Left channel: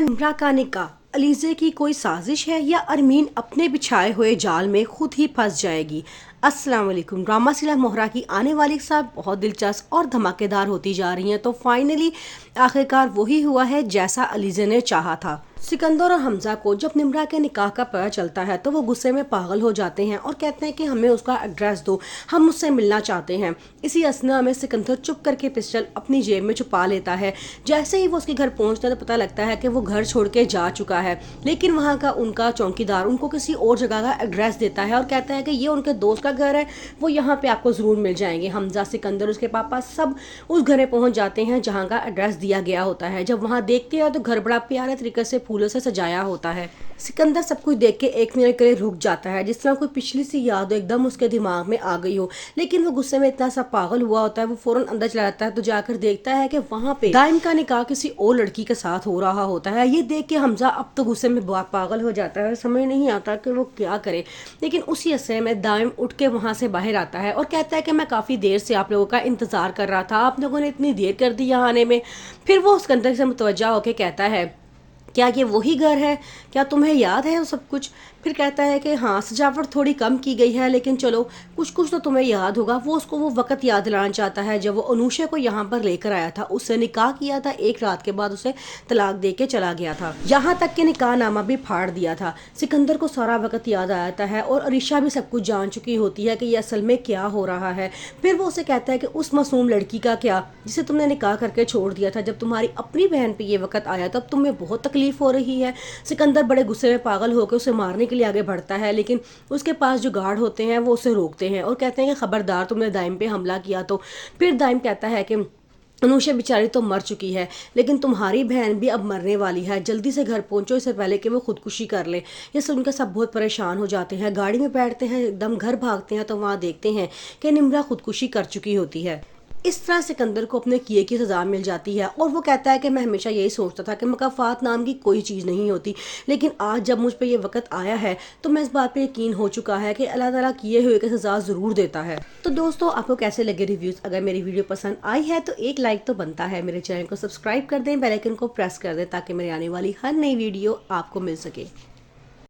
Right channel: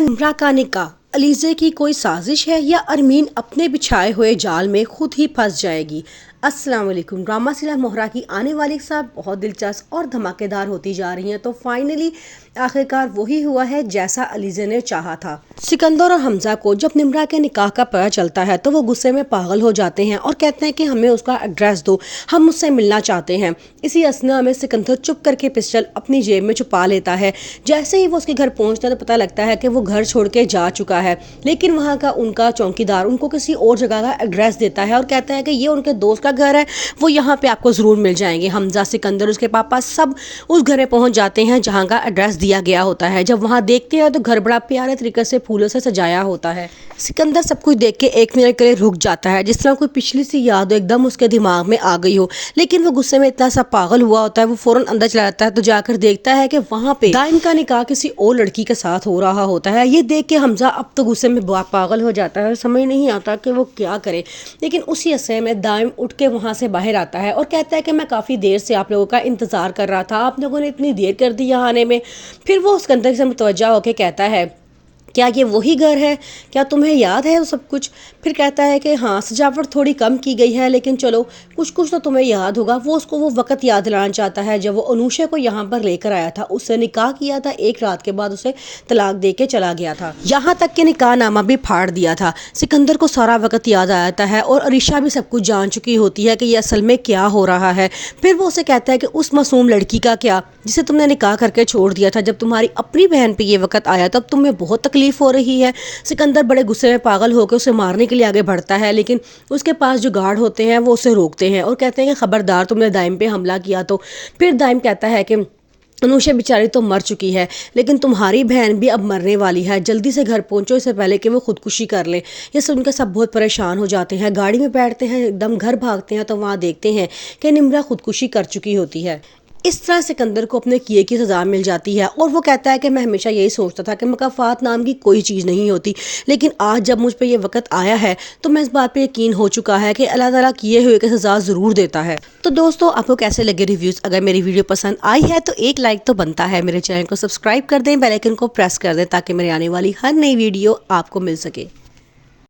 निम्रा का निकाह अलीज़े की कोई साजिश है या अरमीन अपने बिछाए हुए जाल में खुद ही फंस जाएगी। अस्सलाम वालेकुम। ड्रामा सीरियल मोहरा की आने वाली साहब बहुत दिलचस्प और धमाकेदार होती जा रही हैं। तो फाइनली आखिरकार वही हुआ है जैसा अलीज़े ने चाहा था। सिकंदर और हमजा को जब निम्रा के निकाह का पता चलता है तो वो गुस्से में पागल हो जाते हैं और कहते हैं कि हमें उसका एड्रेस दो, हम उससे मिलना चाहते हैं। इसी असना में सिकंदर चुप करके पिस्टल अपनी जेब में छुपा लेता है। जैसे ही वो उसके घर पहुंचता है तो पता लगता है कि वो घर छोड़ के जा चुका है, लेकिन वहाँ का उनका चौकीदार उनको किसी और जगह का एड्रेस देता है और कहता है कि ये उनके दोस्त का घर है, वो यहाँ पे आपको ज़रूर मिल जाएंगे। हमजा, सिकंदर, उसके पापा सब उस घर में पहुँच जाते हैं जहाँ का एड्रेस दिया गया होता है। जब वहाँ देखते हैं तो घर बड़ा प्यारे तरीके से फूलों से सजाया होता है। सिकंदर सब कुछ देख के एक मिनट के लिए रुक जाता है, जिस तरह कोई पिछली सी याद एकदम उसके दिमाग में आ गई हो, लेकिन वो गुस्से में इतना सा पागल हुआ होता है, वो फौरन अंदर चला जाता है। तो जाकर देखता है कि वहाँ पे दाइम का निकाह किसी और लड़की के साथ हो रहा होता है। ये देख के हमजा अब तो गुस्से में पागल हो जाता है, समझ नहीं आता कि वो क्या करे। लेकिन उसी अरसे में दाइम उठ के वहाँ से बाहर आता है और कहता है कि मैं काफ़ी देर से आप लोगों का इंतज़ार कर रहा था, आप लोगों ने इतनी देर कर दी यहाँ आने में। फिर वो उसके अंदर से मुतवज्जा होकर कहता है, क्या ये वही घर है, क्या तुम्हें याद है वो सब कुछ? फिर कहता है कि हाँ, सजावट थोड़ी कम की गई है, लेकिन चलो कुछ कुछ तो तुम्हें याद होगा। वो उसको वो वक्त याद दिलाना चाहता है जब वो अनुषा को यहाँ पर लेकर आया था, उससे निकाह किया था, एक रात के बाद उसे तलाक दे के चला गया था, यहाँ तक कि निकाह नामा भी फाड़ दिया था। सिकंदर को सारा वक्त याद आ जाता है और अरीशा भी सब कुछ जान चुकी होती है कि ये असल में क्या हो रहा है। फिर वो उसे कहता है कि उस मासूम लड़की का क्या, जिसे तुमने निकाह करके छोड़ दिया था, जब तुम्हारी अपनी बहन पे ये वक्त आया तब तुम्हें बहुत तकलीफ हो रही है। सिकंदर बड़े गुस्से में पागल होकर उसे मारने के लिए आगे बढ़ता है, लेकिन उसके पास जो गार्ड होते हैं वो उसे रोकते हैं और कहते हैं कि खबरदार, तुमने दाइम पे हमला किया तो। फिर दाइम कहता है कि अनुषा बेचारी तो मर चुकी है, लेकिन तुम्हारी बहन भी अब मरने वाली है, जल्दी से घर पहुंचो इससे पहले कि वो खुदकुशी कर ले। ये सुनकर सब बहुत परेशान हो जाते हैं, गाड़ी में बैठते हैं, एकदम घर भागते हैं तो वहाँ देखते हैं कि निम्रा खुदकुशी कर चुकी होती है। इस तरह सिकंदर को अपने किए की सज़ा मिल जाती है और वो कहता है कि मैं हमेशा यही सोचता था कि मुकाफात नाम की कोई चीज़ नहीं होती, लेकिन आज जब मुझ पे ये वक्त आया है तो मैं इस बात पे यकीन हो चुका है कि अल्लाह ताला किए हुए की सज़ा ज़रूर देता है। तो दोस्तों, आपको कैसे लगे रिव्यूज़? अगर मेरी वीडियो पसंद आई है तो एक लाइक तो बनता है, मेरे चैनल को सब्सक्राइब कर दें, बेल आइकन को प्रेस कर दें ताकि मेरी आने वाली हर नई वीडियो आपको मिल सके।